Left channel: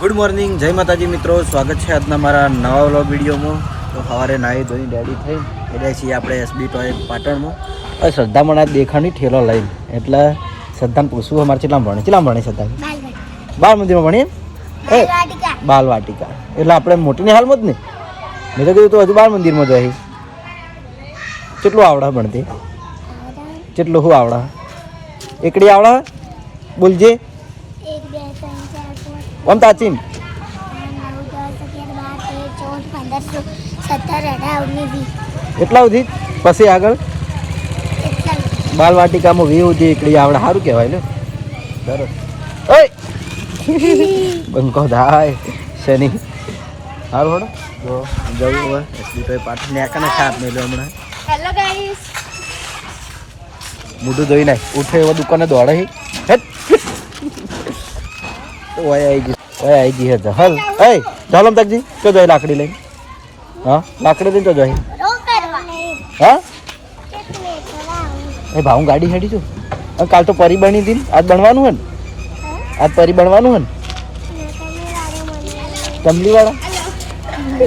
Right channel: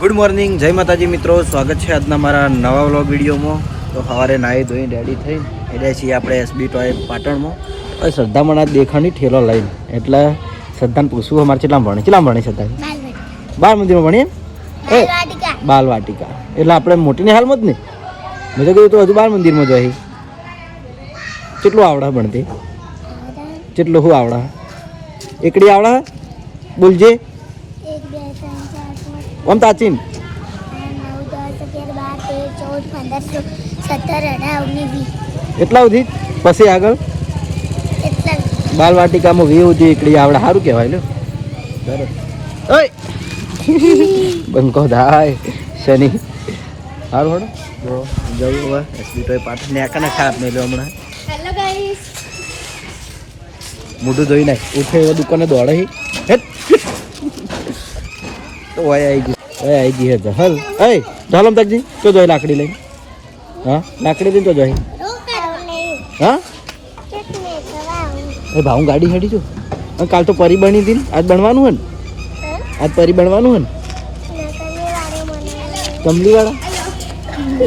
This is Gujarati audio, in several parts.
ગુડ મોર્નિંગ, જય માતાજી મિત્રો. સ્વાગત છે આજના મારા નવા વ્લોગ વિડીયોમાં. તો સવારે નાહી ધોઈને રેડી થઈ એટલે છીએ આપણે એસબી ટોય પાટણમાં. શ્રદ્ધામાં આ દેખાણી ઠેલો લઈને એટલે શ્રદ્ધાને પૂછવું અમારે કેટલા ભણે શ્રદ્ધા બાળ મંદિરમાં ભણીએ બાલવાટિકા એટલે આપણે મોટીની હાલમાં જ ને. મેં તો કીધું તો હજુ બાળ મંદિરમાં જાય. કેટલું આવડા ભણતી? કેટલું શું આવડા? એકડી આવડા બોલજે ઓમ તાચીન એટલા સુધી પછી આગળ બાલવાટિકામાં 20 સુધી એકડી આવડે. સારું કહેવાય લે. બરાબર. ઓય બંકો થાય શનિ સારું હોડો જવું હવે એસબી ટોય પાટણ ને આકાને ખાપ નહીં લો હમણાં. મોઢું ધોઈ નાખ. ઉઠે એવા દુકાને દોડે હે તો ઓય આવી ગઈ હે હલ એ ચાલો તકજી તો જોઈ લાકડી લઈ. હા લાકડી લઈને તો જોઈ. હા એ ભાવ ગાડી હેડી છું. કાલ તો પરી બની હતી. આજ બનવાનું હે ને? આજ પરી બનવાનું હે ને? કમલી વાળા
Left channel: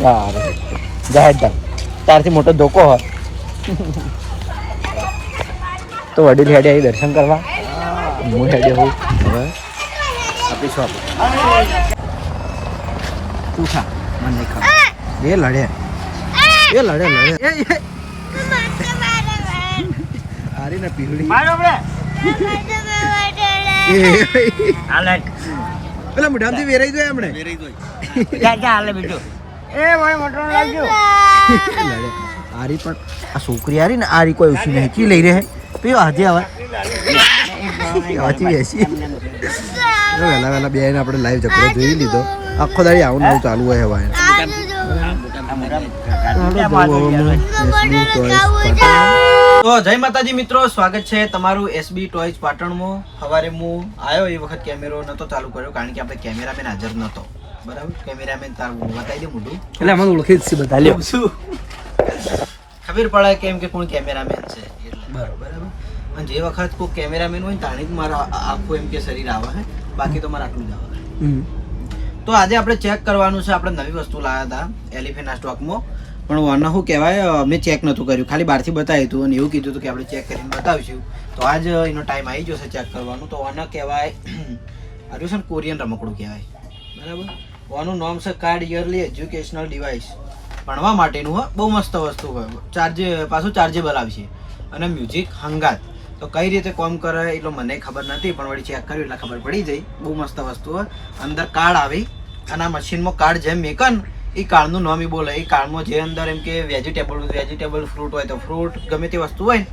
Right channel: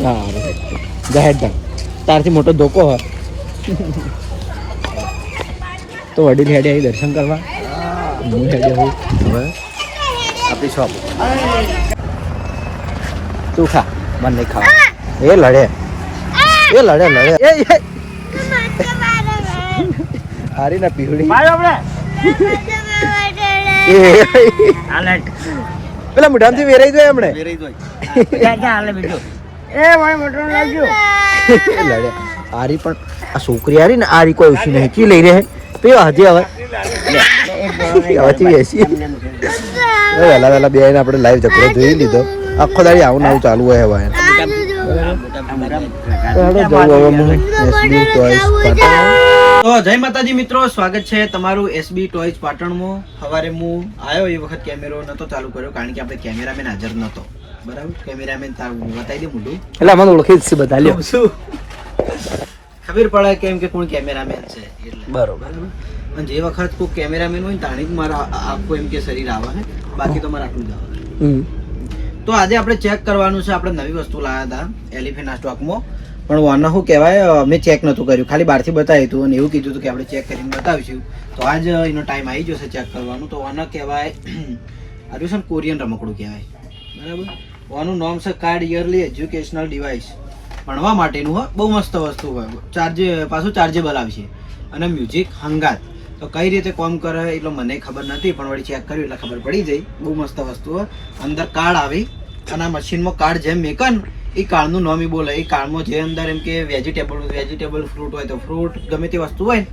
હા જાહેર તારથી મોટો ધોકો હોય તો વડીલ હેડે આવી દર્શન કરવા. હું હેડે હોઉં હવે આપણી શોપ. તું ખા મને નહીં ખાવા. એ લડે હારી ના પીવડી પેલા મોઢામાંથી વેરાઈ જાય એમણે હારી પણ આ છોકરી હારી ને આરી કોઈ ઓછી નહીં કી લઈ રહે પીવા હજી હવે વહેલા બે આપણે લાઈવ ઝઘડો જોઈ લીધો. આખો દાડી આવું નવું ચાલુ હોય હવે. તો જય માતાજી મિત્રો, સ્વાગત છે તમારું એસબી ટોયઝ પાટણમાં. સવારે હું આવ્યો એ વખત કેમેરો નતો ચાલુ કર્યો કારણ કે આપણે કેમેરામેન હાજર નતો. બરાબર. કેમેરામેન બતાવી દે મોઢું એટલે મને ઓળખી જ છે બધા લ્યો શું ખબર પડે કેમ કે કોણ કેમેરામેન છે એટલે. બરોબર. અને જે વખત કોઈ કેમેરામેન હોય ને તાણી જ મારા આખું એમ કે શરીર આવે છે, બાકી તો મારે આટલું જ આવે. તો આજે આપણે ચેક કરવાનું છે. આપણે નવી વસ્તુ લાવ્યા હતા એલિફેન્ટના સ્ટોકમાં, પણ વાના શું કહેવાય મેં ચેક નહોતું કર્યું, ખાલી બહારથી બતાવ્યું હતું અને એવું કીધું હતું કે આપણે ચેક કરીને બતાવીશું. તો આજ એનો ટાઈમ આવી જશે ચેક કરવાનું. તો આના કહેવાય આજુ છે ને કોરિયન રમકડું કહેવાય. બરાબર. આનું નામ છે કાર્ડ યરલી એજ્યુકેશનલ ડિવાઇસ. ભણવા માટેનું હોય, બહુ મસ્ત વસ્તુ હોય. પાછું ચાર્જેબલ આવશે અને મ્યુઝિક હંગાત. તો કઈ રીતે કામ કરે એટલો મને ખબર નથી, પણ વળી ચેક કર્યું એટલે ખબર પડી જાય. બહુ મસ્ત વસ્તુ હોય. અંદર કાર્ડ આવી અને આ મશીનમાં કાર્ડ જેમ મેકન એ કાર્ડનું નામ બોલે. એ કાર્ડમાં જે અંદર એમ કે વેજીટેબલ ફ્રૂટ હોય તો ફ્રૂટ ગમે તે વસ્તુ હોય ને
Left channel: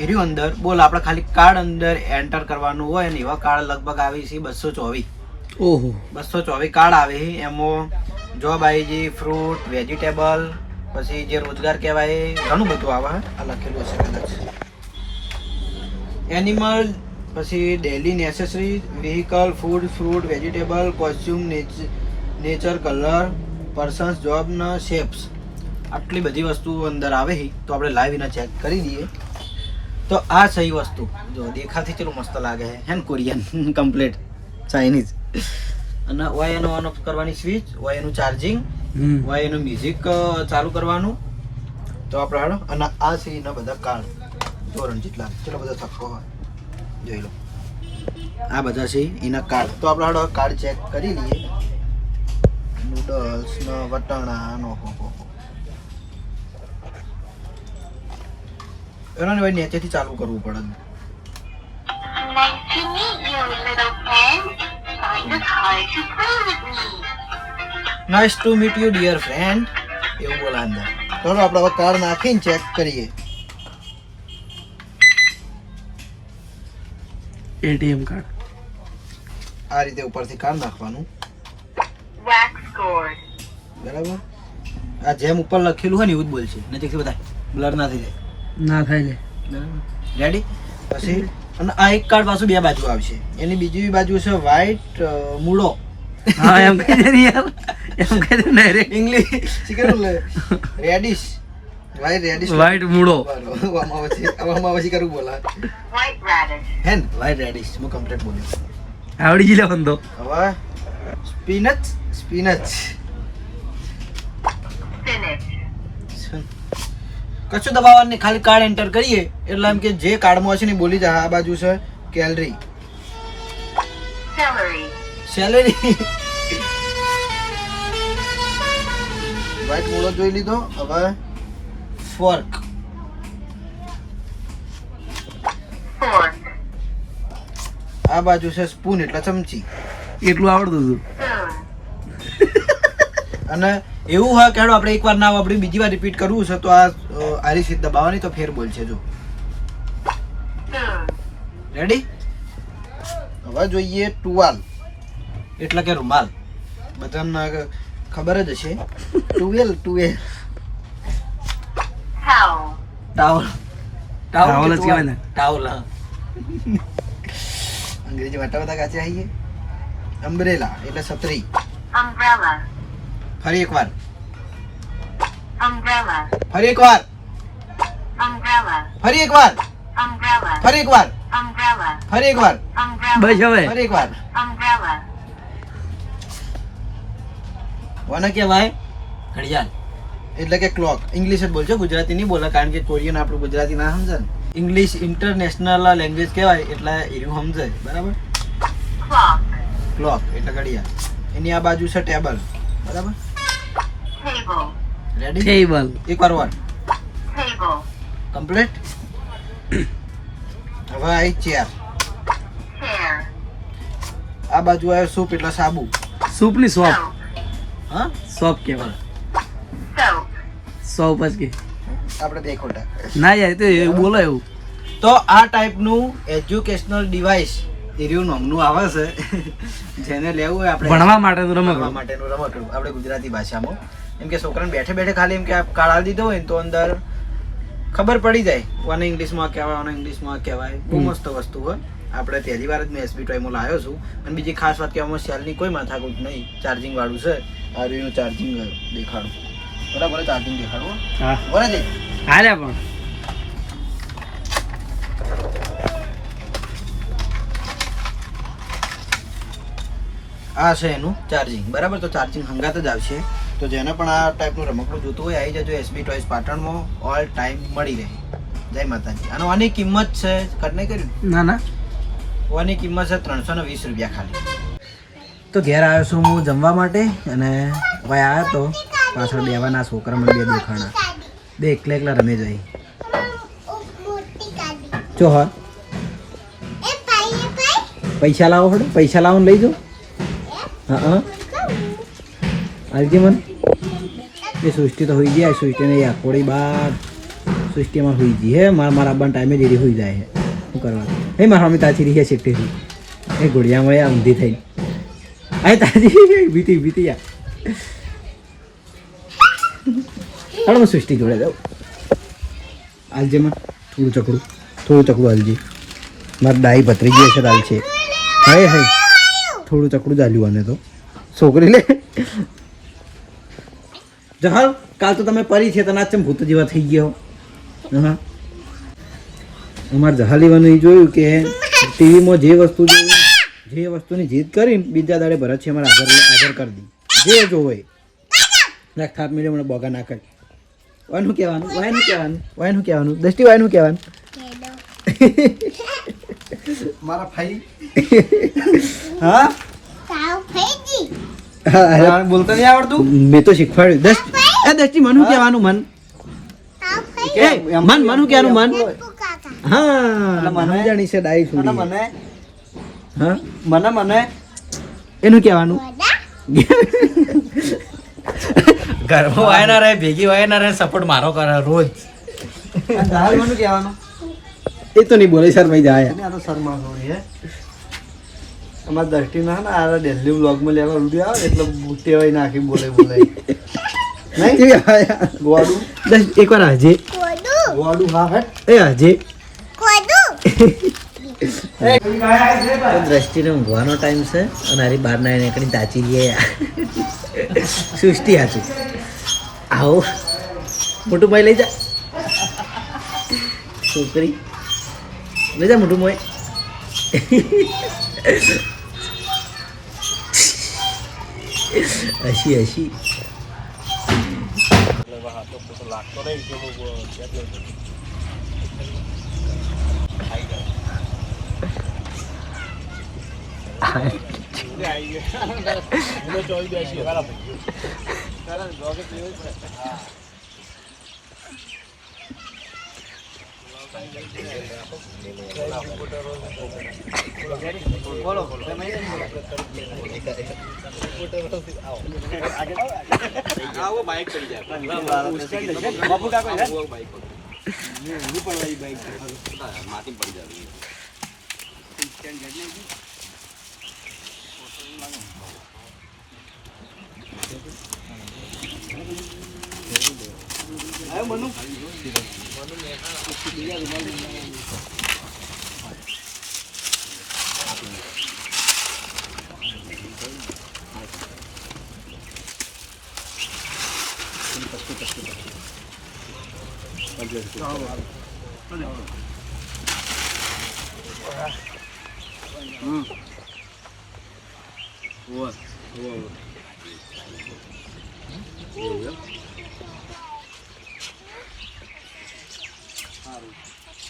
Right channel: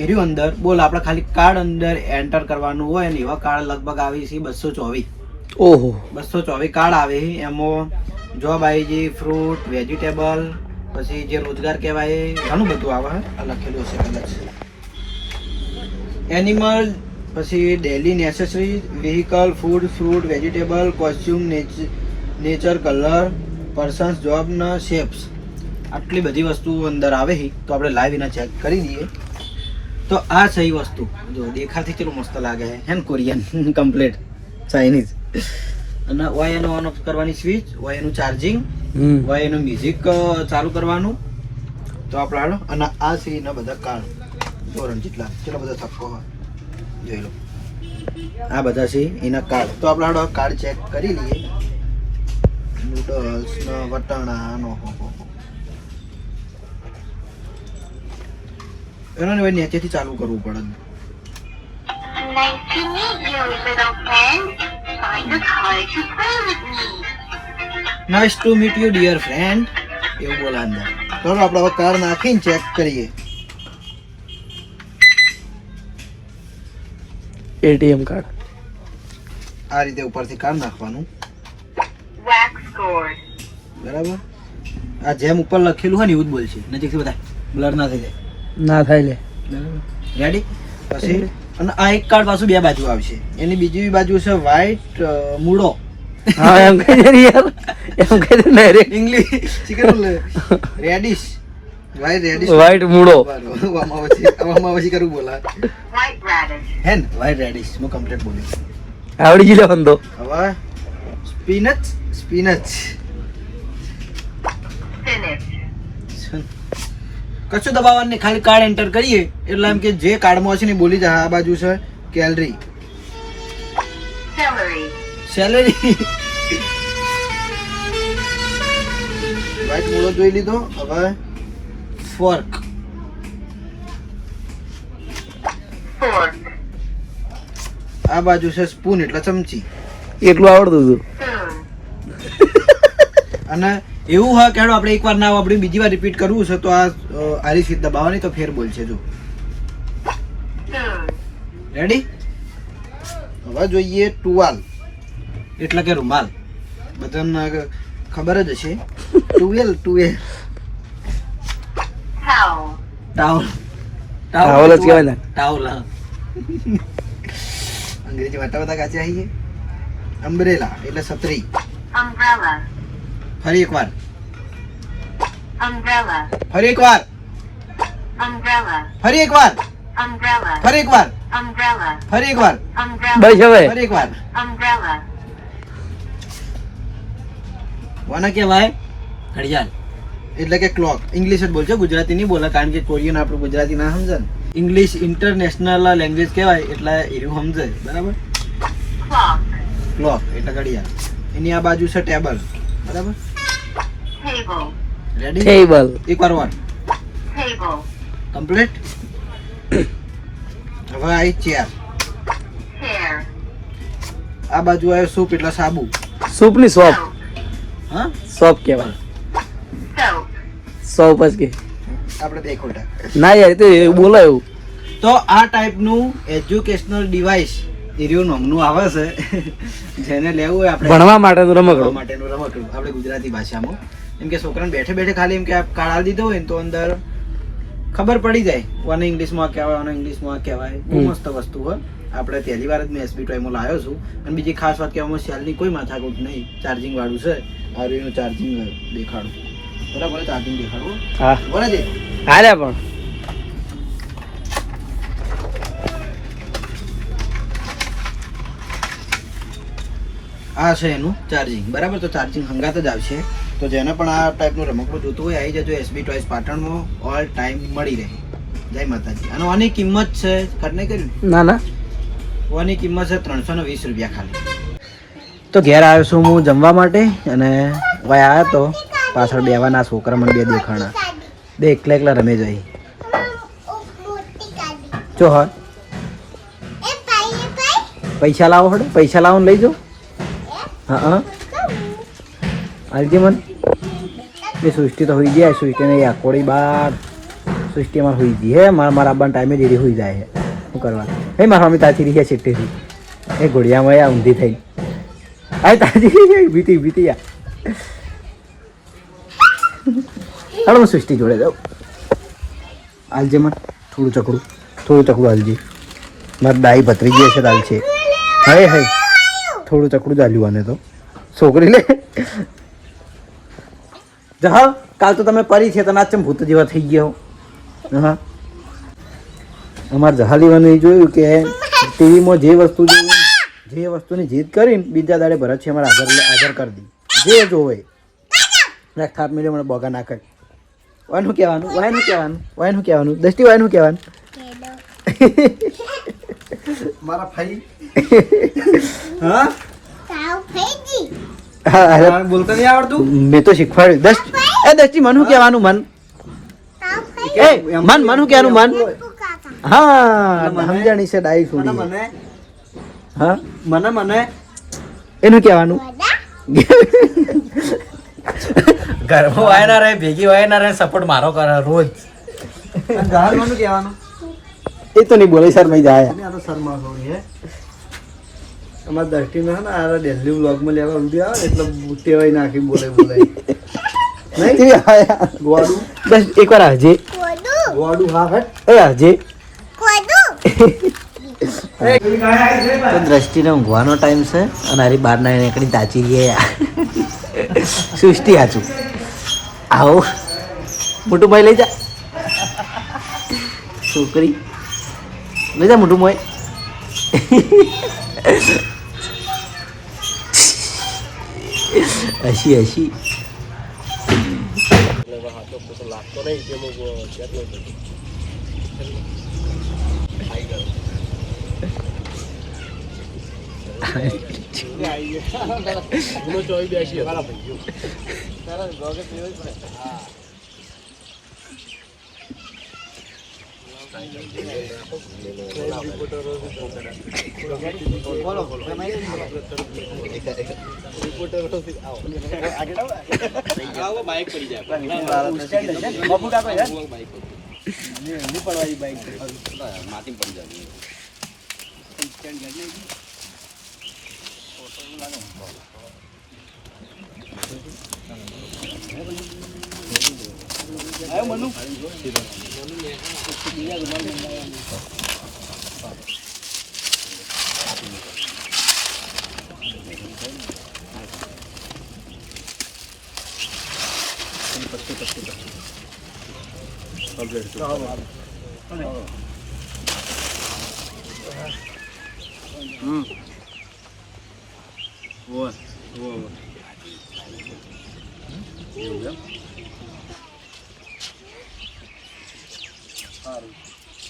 એ રહ્યું અંદર બોલ. આપણે ખાલી કાર્ડ અંદર એન્ટર કરવાનું હોય ને એવા કાર્ડ લગભગ આવી છે 224. ઓહો 224 કાર્ડ આવે. એમાં જોબ આવી છે, ફ્રૂટ, વેજીટેબલ, પછી જે રોજગાર કહેવાય ઘણું બધું આવે. આ લખેલું છે કદાચ એનિમલ, પછી daily necessary, vehicle, food, fruit, vegetable, costume, nature, colour, persons, જોબના શેપ્સ. આટલી બધી વસ્તુ અંદર આવે છે. તો આપણે લાઈવ એના ચેક કરી દઈએ. તો આ સહી વસ્તુ જો દેખાતી ચલો મસ્ત લાગે છે હે ને કોરિયન કમ્પ્લીટ ચાઇનીઝ. અને વાય એનો ઓન ઓફ કરવાની સ્વિચ, વાય એનું ચાર્જિંગ, વાય એનું મ્યુઝિક ચાલુ કરવાનું. તો આપણે હાલો અને આ છે એના બધા કાર્ડ ધોરણ જેટલા ચલો બધા થપ્પો હોય જોઈ લો. આ બધા છે એના કાર્ડ. તો આપણે હાલો કાર્ડ ચેક કરી લઈએ. નૂડલ્સ ના વટાણા નો એનો ને નીચેથી ચાલુ કરવું પડે. Nice to meet you dear friend એવું બોલા અંદર. ચાલો આપણે હવે કાર્ડ નાખીને ચેક કરીએ. એટીએમ કાર્ડ આ રીતે ઉપરથી કાર્ડ નાખવાનું. બરાબર. આ જેમ ઉપર લખેલું હોય ને એવું જ બોલશે. નજીકથી બધા બ્લર ના થઈ જાય. ના થાય લે. બરાબર. રેડી. પછી અને આ એક કાર્ડ પાછું બે બાજુ આવશે. એની બીજી બાજુ છે વ્હાઈટ મૂળો. હા એમ કહી દે યાર, એમ કહી દે ને રે ઇંગ્લિશ શીખેલું રેડિશ વ્હાઈટ મૂળો આમાં પછી કરું બોલા હેન વ્હાઈટ રેડિશ હું કમ્પ્લીટ બોલ્યો આવડી ગયો બંદો. હવે સ્પિનચ સ્પિનચ. કશું દબાવવાનું નહીં, ખાલી કાર્ડ એન્ટર કરીએ એટલે એમ કે જે કાર્ડમાં હશે ને બોલી જાય. આ બાજુ છે કેલરી, સેલેરી. વ્હાઈટ મોડો જોઈ લીધો. હવે ફોર્ક, આ બાજુ છે સ્પૂન એટલે ચમચી. એટલું આવડતું હતું. અને એવું હા કેડો આપણે એકવાર ના આપણે બીજી વાર રિપીટ કરવું છે તો આ આરી સીટ દબાવવાની તો ફેર બોલશે. જો રેડી. હવે જોઈએ ટુવાલ એટલે કે રૂમાલ. બધાને ખબર જ હશે. ટુવેલ, ટુવેલ, ટાવલ, ટાવલ જ કહેવાય ને. ટાવલ. અંગ્રેજી વાટા બધા કાચે આવીએ. અમ્બ્રેલા એટલે છત્રી. ફરી એકવાર, ફરી એકવાર, ફરી એકવાર, ફરી એકવાર, ફરી એકવાર, બસ હવે ફરી એકવાર. કોને કહેવાય? ઘડિયાળ એટલે કે ક્લોક. ઇંગ્લિશ જ બોલજો, ગુજરાતી નહીં બોલે, કારણ કે કોરિયન આપણું ગુજરાતી ના સમજે ને. ઇંગ્લિશ ઇન્ટરનેશનલ લેંગ્વેજ કહેવાય એટલે એનું સમજાય. બરાબર. ક્લોક એટલે ઘડિયાળ. એની આ બાજુ છે ટેબલ. બરાબર. રેડી. ટેબલ. એકવાર વાર કમ્પ્લીટ. હવે આવી ચેર. આ બાજુ આવ્યો સૂપ એટલે સાબુ. સૂપ ની સોપ. હા, સોપ કહેવાય. સોપ જ કે આપણે બે ખોટા. ના યાર, તો બોલાય એવું. તો આ ટાઈપનું એજ્યુકેશનલ ડિવાઇસ એરિયો નામનું આવે છે, જેને લેવું હોય આપણે ભણવા માટેનું રમકડું. માટેનું રમકડું આપણે ગુજરાતી ભાષામાં. એમ કે છોકરાને બેઠે બેઠે ખાલી એમ કે કાર્ડ આલી દીધો હોય ને તો અંદર ખબર પડી જાય ઓને ઇંગ્લિશમાં કહેવાય, ઓને ઇંગ્લિશમાં કહેવાય. બહુ મસ્ત વસ્તુ હોય. આપણે પહેલી વાર જ મેં એસબી ટોયમાં લાવ્યો છું. અને બીજી ખાસ વાત કે આમાં સેલની કોઈ માથાકૂટ નહીં. ચાર્જિંગ વાળું છે. આ એનું ચાર્જિંગ દેખાડું. બરાબર, ચાર્જિંગ દેખાડવું. હા બરાબર. હાલે પણ આ છે એનું ચાર્જિંગ. બરાબર. તો ચાર્જિંગ હંગાત જ આવશે. તો જેને પણ આ ટાઈપનું રમકડું જોતું હોય આવી જજો. એસબી ટોયસ પાટણમાં ઓલ ટાઈમ મળી રહે. જય માતાજી. અને આની કિંમત છે ખર્ચ નહીં કર્યું? ના ના, આની કિંમત છે 320 રૂપિયા ખાલી. તો ઘેર આવ્યો છું હું જમવા માટે અને ભાઈ આવ્યો તો પાછળ બેવાના છોકરા મને બે દેખાણા. બે એકલા એકલા રમે જાય. જો હા પૈસા લાવો હડે, પૈસા લાવો ને લઈ જાઓ. હા હાલજી મને એ સૃષ્ટિ તો હોઈ જાય. સૃષ્ટિને એ આકોડી બાર સૃષ્ટિ અમારે હોઈ ગઈ હે. મારા આબાના ટાઈમે જેડી હોઈ જાય છે. શું કરવા? હે મારા મમ્મી તાચી રહી છેટેથી એ ઘોડિયામાં આ ઊંધી થઈ. આ તાજી બીતી બીતી યા. હાલો હું સૃષ્ટિ જોડે જાઉં. હાલજે મને થોડું ચકડું હાલજે. મારે દાઈ ભત્રીજી હશે હાલ છે. હાય હાય થોડું ચકડું ચાલ્યું આને તો. છોકરી લે જહા. કાલ તો તમે પરી છે તો નાચમ ભૂત જેવા થઈ ગયા. હા અમારે જહા લેવાનું જોયું કે ટીવીમાં જે વસ્તુ જે વસ્તુની જીદ કરીને બીજા દાડે ભરત છે અમારે હાજર કરી દી. જે જોવે થાપ મેળ્યો મને બોગા ના કરી. વાયનું કહેવાનું, વાયનું કહેવાનું, વાયનું કહેવાનું. દસ્તી વાયનું કહેવાનું. મારા ભાઈ હા બોલતો નહીં આવડતું. મેં તો શીખવાડ્યું. દસ્તી મન કહેવાનું. મન મન મન કહેવાનું. મન હા સમજાણી છે ડાઈ છોડી. હા મને મને એનું કહેવાનું. ઘરમાં વાય ના રહે, ભેગી વાય ના રહે, સપોર્ટ મારો કરે રોજ. જાહેરનું કહેવાનું એ તો નહીં બોલે સર ભાઈ જાય. આ તો શર્મા હોય હે. અમારા દ્રષ્ટિમાં ને આ દિલ્હી વ્લોગમાં લેવા રૂડી આવે એટલે ટેવાઈ નાખી બોલે નહીં. ગોડું બસ એકવાર હાજે ગોડું. હા હે એ હાજે દ્રષ્ટિને ઊંઘવાનો ટાઈમ છે અને હારી બહાર ના નીકળી તાચી ગયા. સૃષ્ટિ હાચું આવો મોટું ભાઈ લઈ જા. છોકરી લઈ જા મોટું મોય. હસી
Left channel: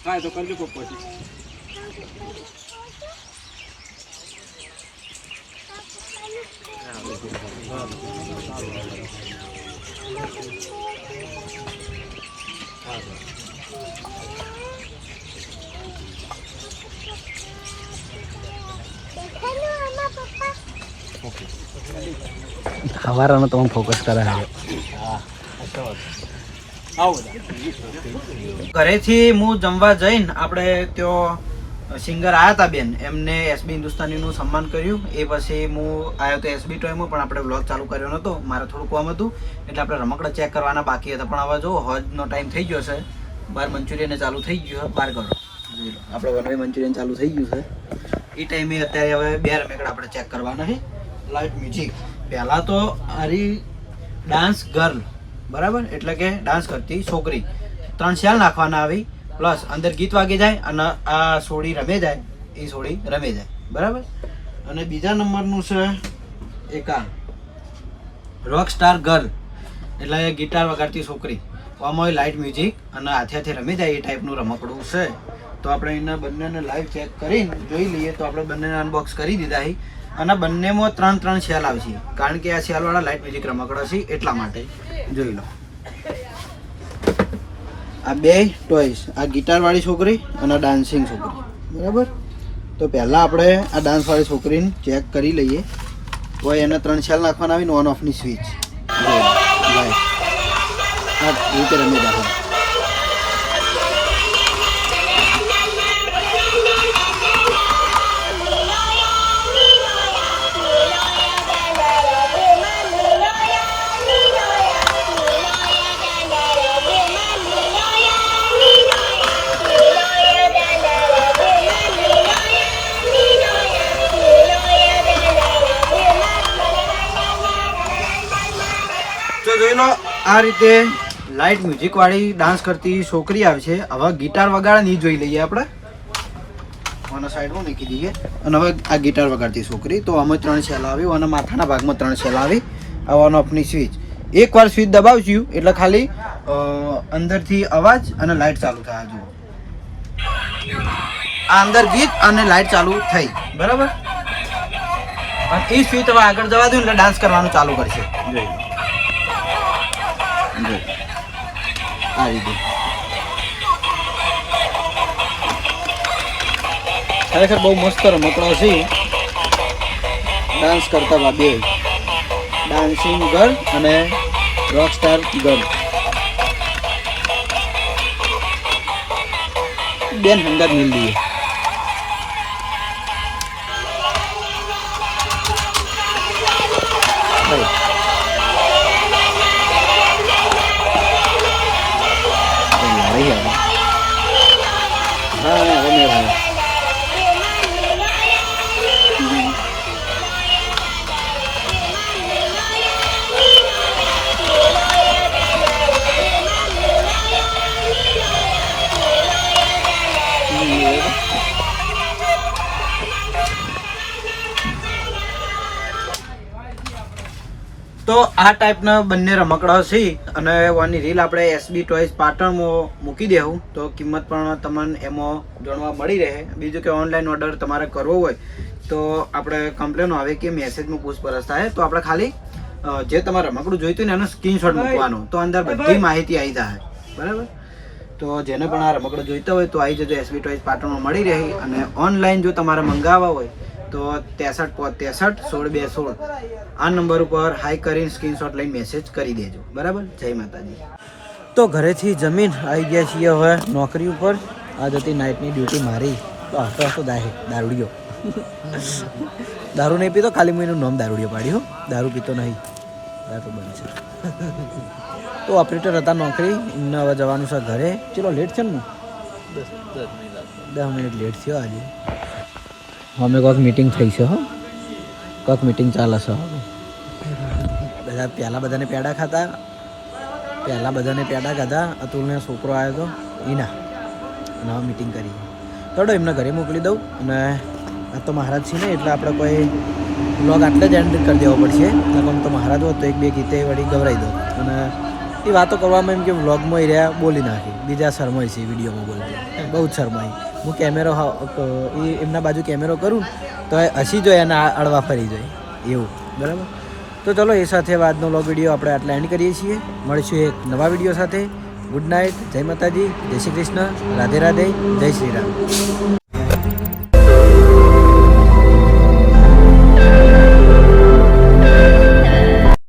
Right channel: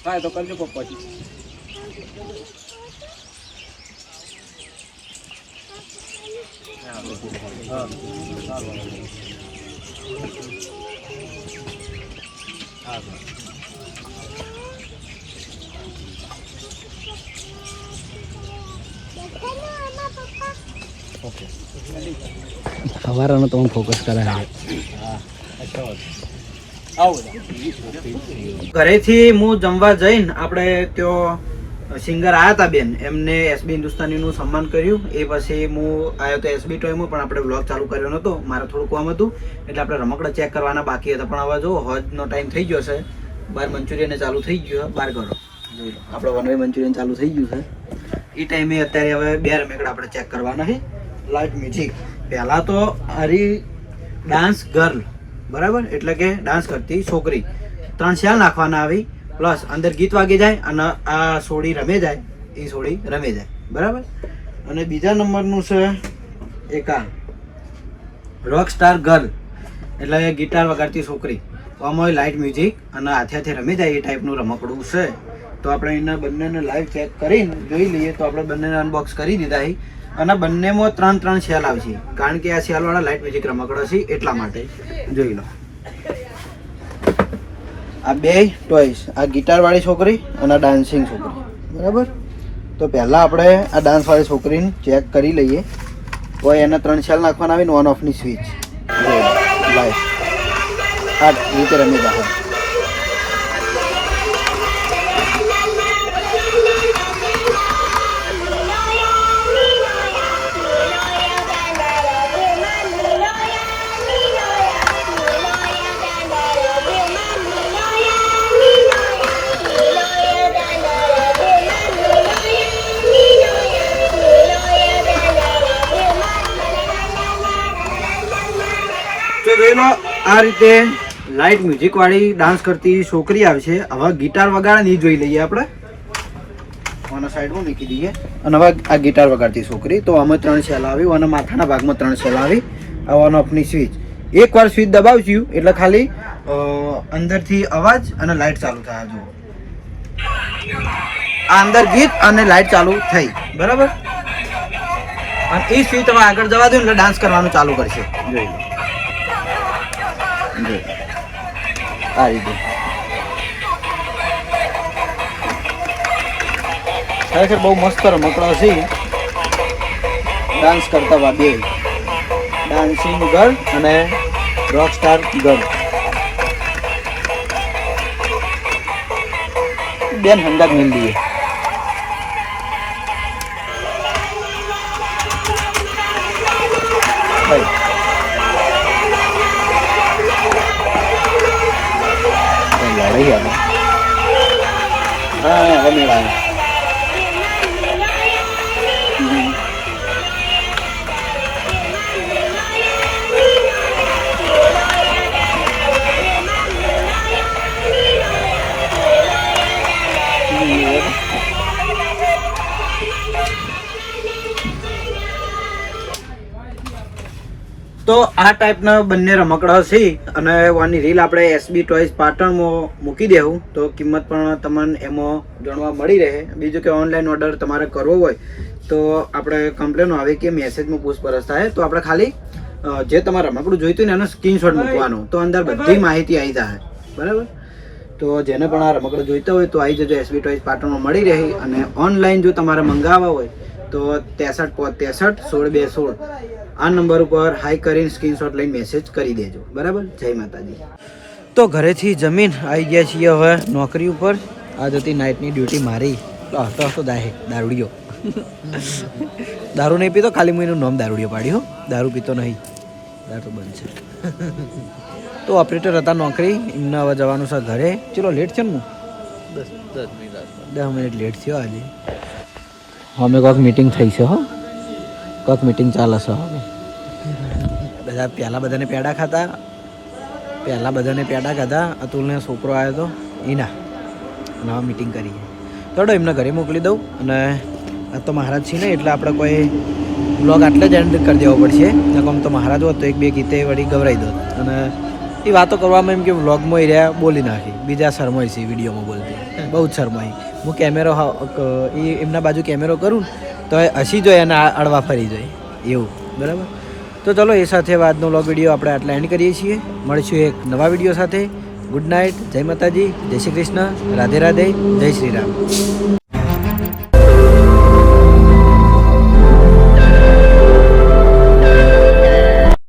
હા તો કરજો પછી હવારાનો તો ફોકસ કરે ઘરેથી હું જમવા જઈને આપણે ત્યાં સિંગર આવ્યા હતા બેન, એમને એસબી હિન્દુસ્તાનીનું સન્માન કર્યું. એ પછી હું આવ્યો તો એસબી ટોયમાં, પણ આપણે વ્લોગ ચાલુ કર્યો નહોતો, મારે થોડું કામ હતું એટલે આપણે રમકડા ચેક કરવાના બાકી હતા. પણ હવે જો હોજનો ટાઈમ થઈ ગયો છે, બાર મંચુરિયન ચાલુ થઈ ગયું, બાર કરો આપણે વનવે મંચુરિયન ચાલુ થઈ ગયું છે. એ ટાઈમે અત્યારે હવે 2 રમકડા આપણે ચેક કરવાના છે. લાઇટ મ્યુઝિક પહેલાં તો હરી ડાન્સ ગર્લ, બરાબર, એટલે કે ડાન્સ કરતી છોકરી. 3 સેલ નાખવાના આવી, પ્લસ અંદર ગીત વાગી જાય અને આ સોડી રમે જાય, એ સોડી રમે જાય, બરાબર. અને બીજા નંબરનું છે એક આ રોક સ્ટાર ગર્લ, એટલે ગિટાર વગાડતી છોકરી. આમાં લાઇટ મ્યુઝિક અને હાથે હાથે રમી જાય એ ટાઈપનું રમકડું છે. તો આપણે એના બંનેને લાઈવ ચેક કરીને જોઈ લઈએ. તો આપણે બંનેને અનબોક્સ કરી દીધા છે અને બંનેમાં 3 સેલ આવશે, કારણ કે આ સેલવાળા લાઇટ મ્યુઝિક રમકડો છે એટલા માટે. જોઈ લો આ 2 ટોયસ, આ ગિટારવાળી છોકરી અને ડાન્સિંગ છોકરી, બરાબર. તો પહેલાં આપણે આ ડાન્સવાળી છોકરીને ચેક કરી લઈએ. તો એના 3 સેલ નાખવાના આવીને ઓન ઓફની સ્વિચ લાઈટ આ રીતે રમી જાય. જોઈ લો આ રીતે લાઇટ મ્યુઝિક વાળી ડાન્સ કરતી છોકરી આવે છે. હવે ગિટાર વગાડે નહીં જોઈ લઈએ આપણે, આના સાઈડમાં મૂકી દઈએ. અને હવે આ ગિટાર વગાડતી છોકરી, તો આમાં 3 સેલ આવી અને માથાના ભાગમાં 3 સેલ આવી. ઓન ઓફની સ્વિચ, એકવાર સ્વિચ દબાવશું એટલે ખાલી અંદરથી અવાજ અને લાઇટ ચાલુ થાય. જુઓ આ અંદર ગીત અને લાઇટ ચાલુ થઈ, બરાબર. અને એ સ્વિચ તમે આગળ જવા દો એટલે ડાન્સ કરવાનું ચાલુ કરશે. જોઈ લો આ રીતે ખરેખર બહુ મસ્ત રમકડો છે. ડાન્સ કરતા બે ડાન્સિંગ ગર્લ અને રોક સ્ટાર ગર્લ, બેન હંગાત મિલ દઈએ. તો આ ટાઈપના બંને રમકડા છે અને વાની રીલ આપણે એસબી ટોયઝ પાટણમાં મૂકી દેવું તો કિંમત પણ તમને એમાં જાણવા મળી રહે. બીજું કે ઓનલાઈન ઓર્ડર તમારે કરવો હોય તો આપણે કમ્પ્લેન આવે કે મેસેજમાં પૂછપરછ થાય તો આપણે ખાલી જે તમારે રમકડું જોઈતું ને એનો સ્ક્રીનશોટ મૂકવાનો તો અંદર બધી માહિતી આવી જાય. બરાબર, તો જેને પણ આ રમકડું જોઈતા હોય તો આવી જજો. એસબી ટોયઝ પાટણમાં મળી રહે. અને ઓનલાઈન જો તમારે મંગાવવા હોય તો 63 આ નંબર ઉપર હાઈ કરીને સ્ક્રીનશોટ લઈને મેસેજ કરી દેજો. બરાબર, જય માતાજી. તો ઘરેથી જમીન આવી ગયા છીએ હવે નોકરી ઉપર. આજ હતી નાઇટની ડ્યુટી મારી. તો દારૂડિયો દારૂ નહીં પીતો, ખાલી હું એનું નામ દારૂડિયો પાડ્યું. દારૂ પીતો નહીં, દારૂ બંધ છે. તો ઓપરેટર હતા નોકરી, એમને હવે જવાનું છે ઘરે. ચલો લેટ છે ને, હું 10 મિનિટ લેટ થયો આજે. અમે કોઈક મીટિંગ થઈ છે. હો, કોઈક મીટિંગ ચાલે છે. હવે બધા બધાને પેડા ખાધા. અતુલને છોકરો આવ્યો હતો એના, અને હવે મીટિંગ કરી. થોડો એમને ઘરે મોકલી દઉં. અને આ તો મહારાજ છે ને એટલે આપણે કોઈ વ્લોગ આટલે જ એન્ડ કરી દેવો પડશે. આમ તો મહારાજ હોત તો 1-2 ગીતે વળી ગવરાઈ દો. અને એ વાતો કરવામાં એમ કે વ્લોગમાં રહ્યા બોલી નાખી. બીજા શરમાય છે વિડીયોમાં બોલતી, બહુ જ શરમાય. હું કેમેરો એ એમના બાજુ કેમેરો કરું તો હસી જોઈએ અને અડવા ફરી જાય એવું. બરાબર, તો ચલો એ સાથે આજનો વ્લોગ વિડીયો આપણે આટલા એન્ડ કરીએ છીએ. મળીશું એક નવા વિડીયો સાથે. ગુડ નાઇટ, જય માતાજી, જય શ્રી કૃષ્ણ, રાધે રાધે, જય શ્રી રામ.